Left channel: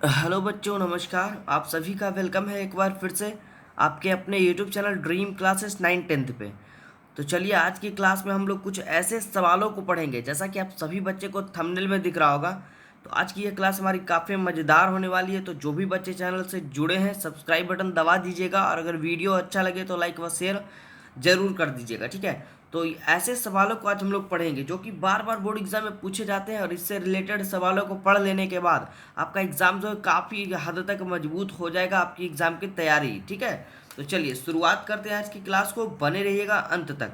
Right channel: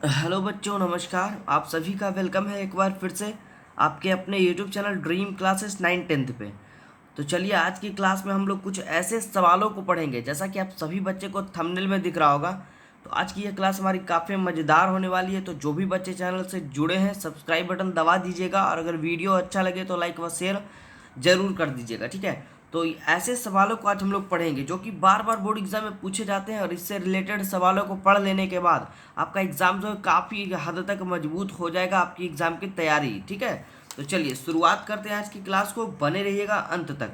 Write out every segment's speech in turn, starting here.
Hello बच्चों, नमस्कार। आप सभी का वेलकम है एक बार फिर से आपके अपने YouTube channel dream classes 9th 10th पे। तो चलिए, आज की क्लास में हम लोग कुछ ऐसे सवालों को पढ़ेंगे, जैसा कि आप सभी बच्चे को थंबनेल में दिख रहा होगा। तो आज की यह क्लास हमारी काफ़ी मज़ेदार होने वाली है। तो जो भी बच्चे चैनल से जुड़े हैं, सब्सक्राइब बटन दबा दीजिएगा, और अगर वीडियो अच्छा लगे तो लाइक व शेयर जरूर कर दीजिएगा, ठीक है। तो ऐसे सवालों को आज हम लोग पढ़ेंगे जो कि बार बार बोर्ड एग्जाम में पूछे जाते हैं, और इससे रिलेटेड सवालों को पढ़ लेने के बाद आपका एग्जाम जो है काफ़ी हद तक मजबूत हो जाएगा, आपकी एग्जाम की तैयारी, ठीक है। तो चलिए शुरुआत करते हैं आज की क्लास को, बने रहिएगा अंत तक।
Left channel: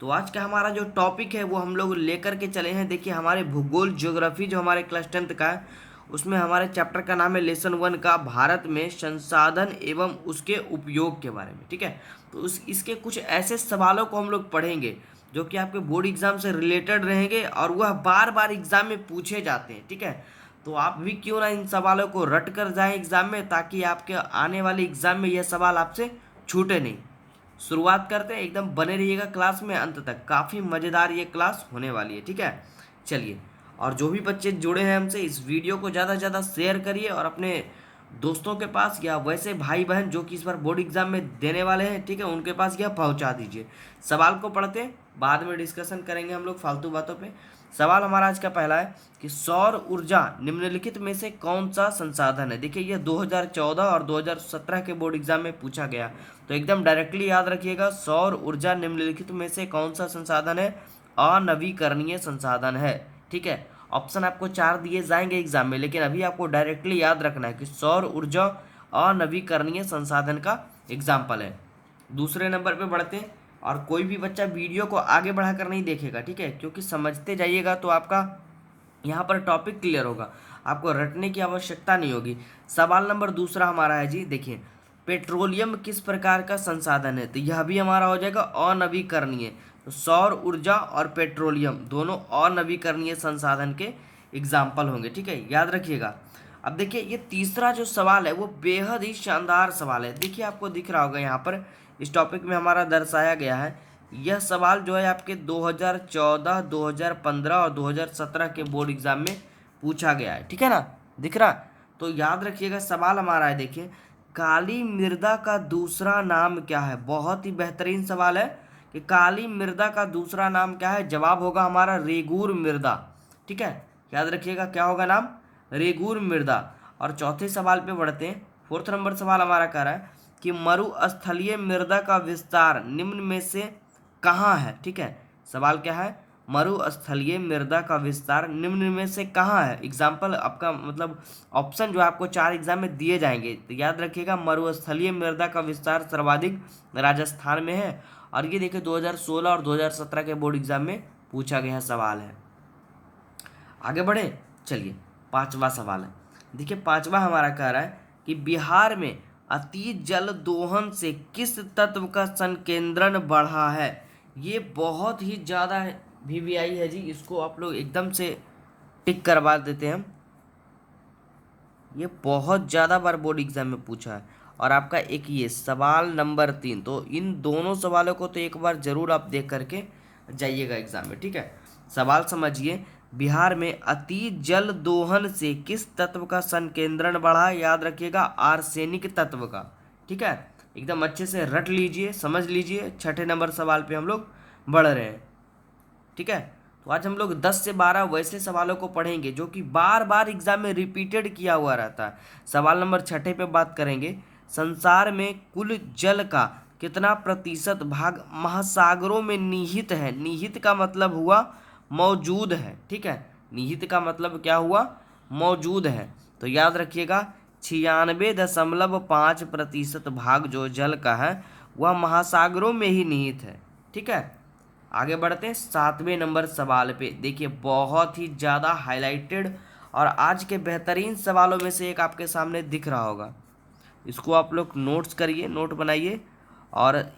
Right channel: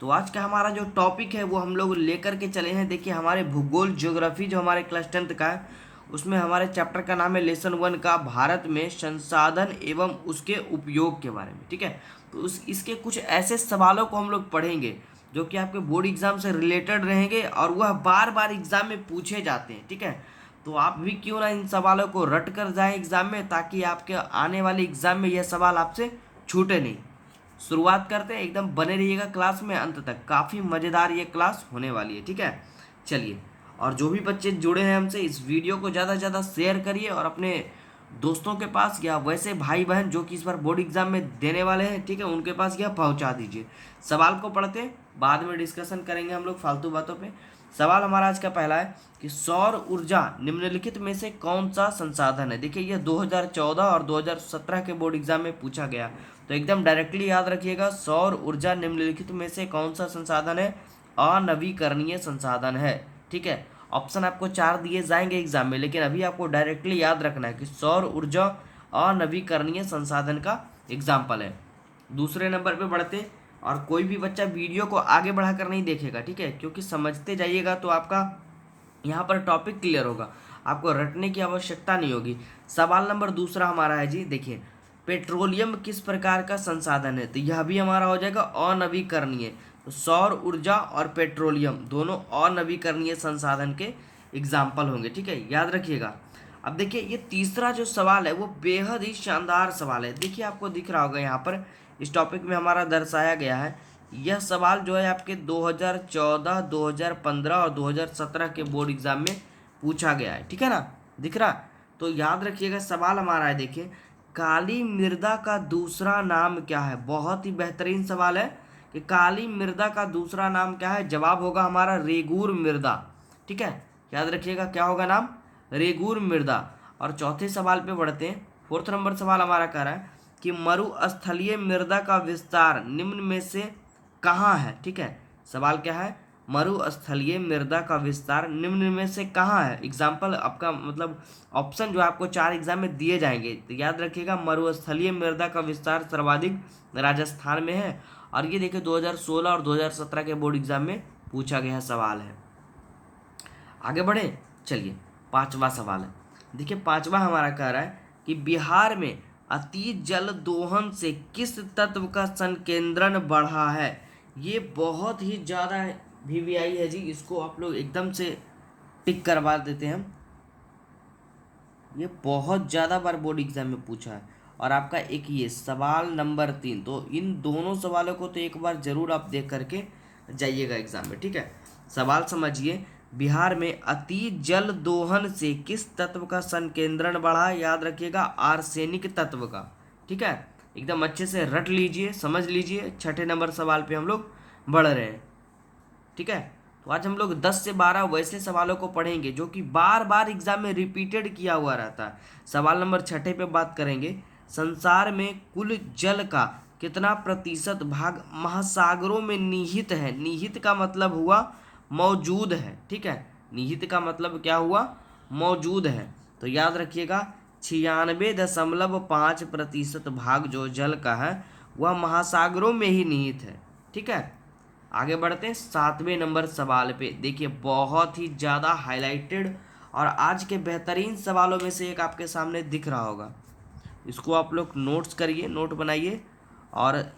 तो आज का हमारा जो टॉपिक है वो हम लोग लेकर के चले हैं। देखिए, हमारे भूगोल ज्योग्राफी जो हमारे क्लास 10th का है, उसमें हमारे चैप्टर का नाम है लेसन 1 का भारत में संसाधन एवं उसके उपयोग के बारे में, ठीक है। तो इसके कुछ ऐसे सवालों को हम लोग पढ़ेंगे जो कि आपके बोर्ड एग्जाम से रिलेटेड रहेंगे, और वह बार बार एग्जाम में पूछे जाते हैं, ठीक है। तो आप भी क्यों ना इन सवालों को रट कर जाएं एग्जाम में, ताकि आपके आने वाले एग्जाम में यह सवाल आपसे छूटे नहीं। शुरुआत करते हैं, एकदम बने रहिएगा क्लास में अंत तक, काफ़ी मज़ेदार ये क्लास होने वाली है, ठीक है। चलिए, और जो भी बच्चे जुड़े हैं हमसे, इस वीडियो को ज़्यादा से ज़्यादा शेयर करिए, और अपने दोस्तों के पास या वैसे भाई बहन जो कि इस बार बोर्ड एग्जाम में देने वाले हैं, ठीक है, उनके पास यह पहुंचा दीजिए। सवाल को पढ़ते हैं, बाद में डिस्कशन करेंगे हम लोग फालतू बातों पे। सवाल हमारा आज का पहला है कि सौर ऊर्जा निम्नलिखित में से कौन सा संसाधन है। देखिए, यह 2014 और 2017 के बोर्ड एग्जाम में पूछा गया, तो एकदम डायरेक्टली याद रखिएगा, सौर ऊर्जा निम्नलिखित में से कौन सा संसाधन है, अनवीकरणीय संसाधन है, ठीक है। ऑप्शन आपको 4 दिए जाएंगे एग्जाम में, लेकिन अभी आपको डायरेक्टली याद रखना है कि सौर ऊर्जा अनवीकरणीय संसाधन का एग्जाम्पल है। दूसरे नंबर पे बढ़ते हैं, और कोई भी बच्चा वीडियो को आगे बढ़ाकर नहीं देखेगा, ठीक है, क्योंकि समझते जाइएगा तो आपका यहाँ पर टॉपिक क्लियर होगा, आपको रटने की आवश्यकता नहीं होगी। सवाल नंबर दूसरा हमारा है जी, देखिए, पेट्रोलियम किस प्रकार का संसाधन है। तो यह भी हमारा हो जाएगा अनवीकरणीय। तो सौर ऊर्जा और पेट्रोलियम दोनों अनवीकरणीय संसाधन के एग्जाम्पल होंगे, ठीक है, याद रखिएगा। अब देखिए, ये तीसरा जो सवाल है वो बेहद ही शानदार सवाल है। देखिए, आपको दिख रहा होगा यहाँ पर इस टॉपिक में हमारा दर्शाया गया है। यह सवाल जो है आपके 2014, 2015 और 2017 के बोर्ड एग्जाम में पूछा गया है, ठीक है ना, दिख रहा। तो याद रखिएगा, सवाल हमारा है, देखिए, काली मृदा का दूसरा नाम क्या है। बहुत ही बेहतरीन सवाल है कि काली मृदा का दूसरा नाम क्या है। जवाब होगा हमारा रेगूर मृदा, ठीक है, याद रखिएगा, क्या होगा नाम, रेगूर मृदा। और चौथे सवाल पे बढ़ते हैं। फोर्थ नंबर सवाल हमारा कह रहा है कि मरुस्थलीय मृदा का विस्तार निम्न में से कहाँ है, ठीक है। सवाल क्या है, मरुस्थलीय मृदा का विस्तार निम्न में से कहाँ है। एग्जाम्पल आपका मतलब ऑप्शन जो आपको 4 एग्जाम में दिए जाएंगे, तो याद रखिएगा, मरुस्थलीय मृदा का विस्तार सर्वाधिक राजस्थान में है। और ये देखिए 2016 और 2017 के बोर्ड एग्जाम में पूछा गया सवाल है। आगे बढ़े, चलिए, पांचवा सवाल है। देखिए, पांचवा हमारा कह रहा है कि बिहार में अति जल दोहन से किस तत्व का संकेंद्रण बढ़ा है। ये बहुत ही ज़्यादा वीवीआई है जी, इसको आप लोग एकदम से टिक करवा देते हैं। ये बहुत ज़्यादा बार बोर्ड एग्जाम में पूछा है। और आपका एक ये सवाल नंबर 3, तो इन दोनों सवालों को तो एक बार जरूर आप देख करके जाइएगा एग्जाम में, ठीक है। सवाल समझिए, बिहार में अति जल दोहन से किस तत्व का संकेंद्रण बढ़ा। याद रखिएगा, आर्सेनिक तत्व का, ठीक है। एकदम अच्छे से रट लीजिए, समझ लीजिए। छठे नंबर सवाल पे हम लोग बढ़ रहे हैं, ठीक है। तो आज हम लोग 10 से 12 वैसे सवालों को पढ़ेंगे जो कि बार बार एग्जाम में रिपीटेड किया हुआ रहता है। सवाल नंबर 6 पे बात करेंगे, संसार में कुल जल का कितना प्रतिशत भाग महासागरों में निहित है। निहित का मतलब हुआ मौजूद है, ठीक है। निहित का मतलब क्या हुआ, मौजूद है। तो याद रखिएगा, 96.5% भाग जो जल का है वह महासागरों में ही निहित है, ठीक है। आगे बढ़ते हैं 7वें नंबर सवाल पे। देखिए, बहुत ही ज़्यादा हाईलाइटेड और आज के बेहतरीन सवालों में से एक आपके सामने दिख रहा होगा। इसको आप लोग नोट्स करिए, नोट बनाइए और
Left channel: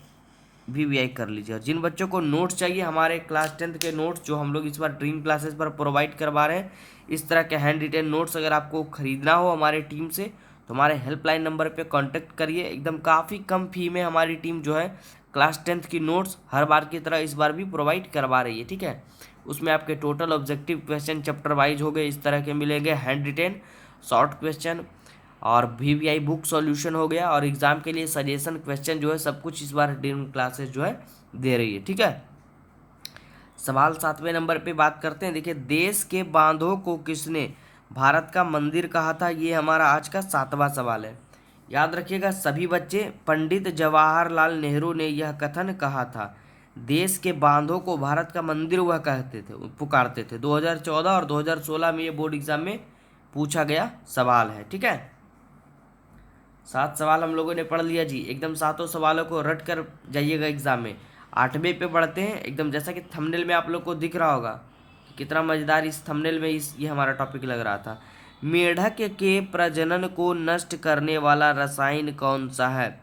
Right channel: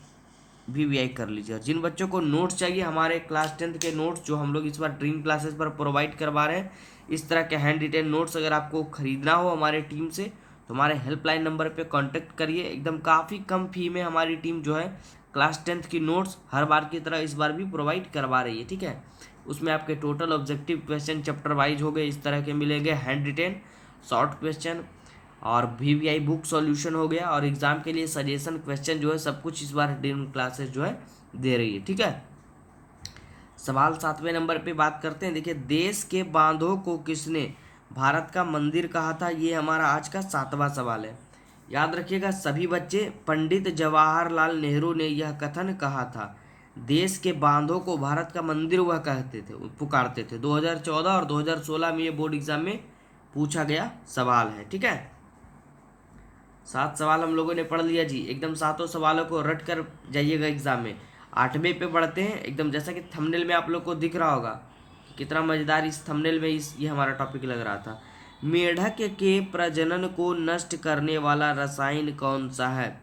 वीवीआई कर लीजिए। और जिन बच्चों को नोट्स चाहिए, हमारे क्लास 10th के नोट्स जो हम लोग इस बार ड्रीम क्लासेस पर प्रोवाइड करवा रहे हैं, इस तरह के हैंड रिटेन नोट्स अगर आपको खरीदना हो हमारे टीम से, तो हमारे हेल्पलाइन नंबर पे कांटेक्ट करिए। एकदम काफ़ी कम फी में हमारी टीम जो है क्लास 10th की नोट्स हर बार की तरह इस बार भी प्रोवाइड करवा रही है, ठीक है। उसमें आपके total objective question chapter wise हो गए, इस तरह के मिलेंगे, हैंड रिटेन शॉर्ट क्वेश्चन, और VVI बुक सॉल्यूशन हो गया, और एग्ज़ाम के लिए सजेशन क्वेश्चन जो है सब कुछ इस बार ड्रीम क्लासेस जो है दे रही है। ठीक है, सवाल 7वें नंबर पे बात करते हैं। देखिए, देश के बांधों को किसने भारत का मंदिर कहा था, ये हमारा आज का 7वां सवाल है। याद रखिएगा सभी बच्चे, पंडित जवाहरलाल नेहरू ने यह कथन कहा था, देश के बांधों को भारत का मंदिर वह कहते थे, पुकारते थे। 2014 और 2016 में ये बोर्ड एग्जाम में पूछा गया सवाल है। ठीक है, 7 सवाल हम लोगों ने पढ़ लिया जी, एकदम 7 सवालों को रट कर जाइएगा एग्जाम में। 8वें पे बढ़ते हैं, एकदम जैसा कि थंबनेल में आप लोग को दिख रहा होगा कि कितना मज़ेदार इस थंबनेल में ये हमारा टॉपिक लग रहा था। मेढक के प्रजनन को नष्ट करने वाला रसायन कौन सा है।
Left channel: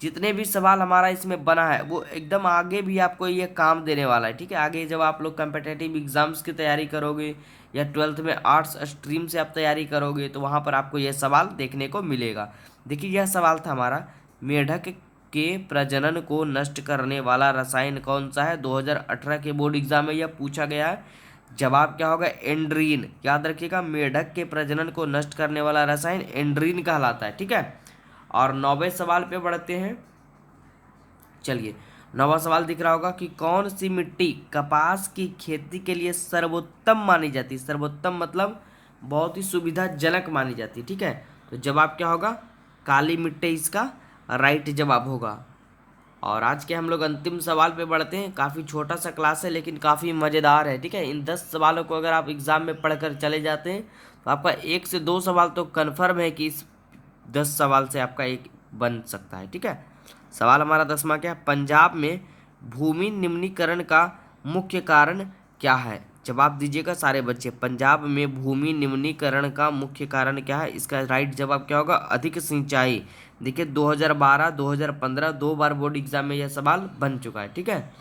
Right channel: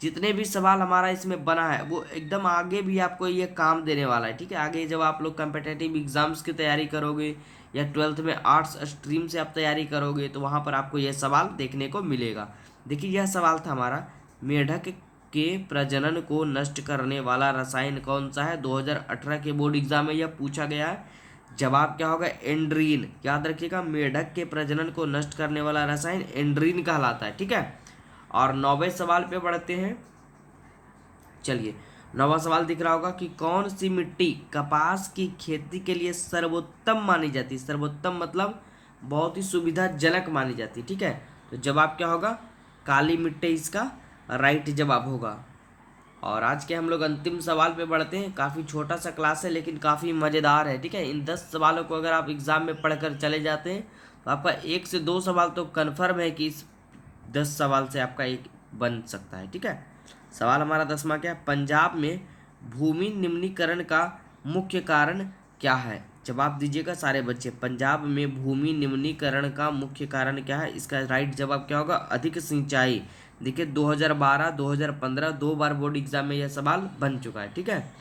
जितने भी सवाल हमारा इसमें बना है वो एकदम आगे भी आपको ये काम देने वाला है। ठीक है, आगे जब आप लोग कम्पिटिटिव एग्जाम्स की तैयारी करोगे या 12th में आर्ट्स स्ट्रीम से आप तैयारी करोगे तो वहाँ पर आपको ये सवाल देखने को मिलेगा। देखिए, यह सवाल था हमारा, मेढक के प्रजनन को नष्ट करने वाला रसायन कौन सा है। 2018 के बोर्ड एग्जाम में यह पूछा गया है। जवाब क्या होगा, एंड्रीन। याद रखिएगा, मेढक के प्रजनन को नष्ट करने वाला रसायन एंड्रीन कहलाता है। ठीक है, और 9वें सवाल पे बढ़ते हैं। चलिए, 9वां सवाल दिख रहा होगा कि कौन सी मिट्टी कपास की खेती के लिए सर्वोत्तम मानी जाती है। सर्वोत्तम मतलब बहुत ही सुविधाजनक मानी जाती है। ठीक है, तो जवाब क्या होगा, काली मिट्टी इसका राइट जवाब होगा। और आज के हम लोग अंतिम सवाल पे बढ़ते हैं। काफ़ी छोटा सा क्लास है लेकिन काफ़ी मज़ेदार है। ठीक है, इन 10 सवालों को अगर आप एग्ज़ाम में पढ़कर चले जाते हैं तो आपका 1 से 2 सवाल तो कन्फर्म है कि इस 10 सवाल से आपका एक बन सकता है। ठीक है, सवाल हमारा 10वां क्या है, पंजाब में भूमि निम्नीकरण का मुख्य कारण क्या है। जवाब दीजिएगा सारे बच्चे, पंजाब में भूमि निम्नीकरण का मुख्य कारण क्या है। इसका राइट जवाब क्या होगा, अधिक सिंचाई। देखिए, 2012 2015 2 बार बोर्ड एग्जाम में यह सवाल बन चुका है। ठीक है,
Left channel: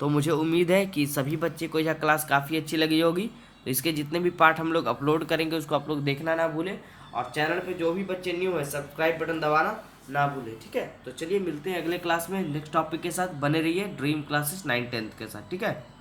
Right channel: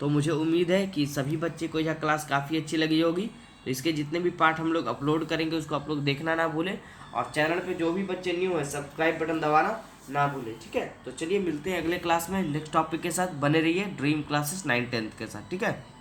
तो मुझे उम्मीद है कि सभी बच्चे को यह क्लास काफ़ी अच्छी लगी होगी। तो इसके जितने भी पार्ट हम लोग अपलोड करेंगे उसको आप लोग देखना ना भूलें, और चैनल पे जो भी बच्चे न्यू है सब्सक्राइब बटन दबाना ना भूलें। ठीक है, तो चलिए मिलते हैं अगले क्लास में नेक्स्ट टॉपिक के साथ। बने रहिए ड्रीम क्लासेस 9th 10th के साथ। ठीक है।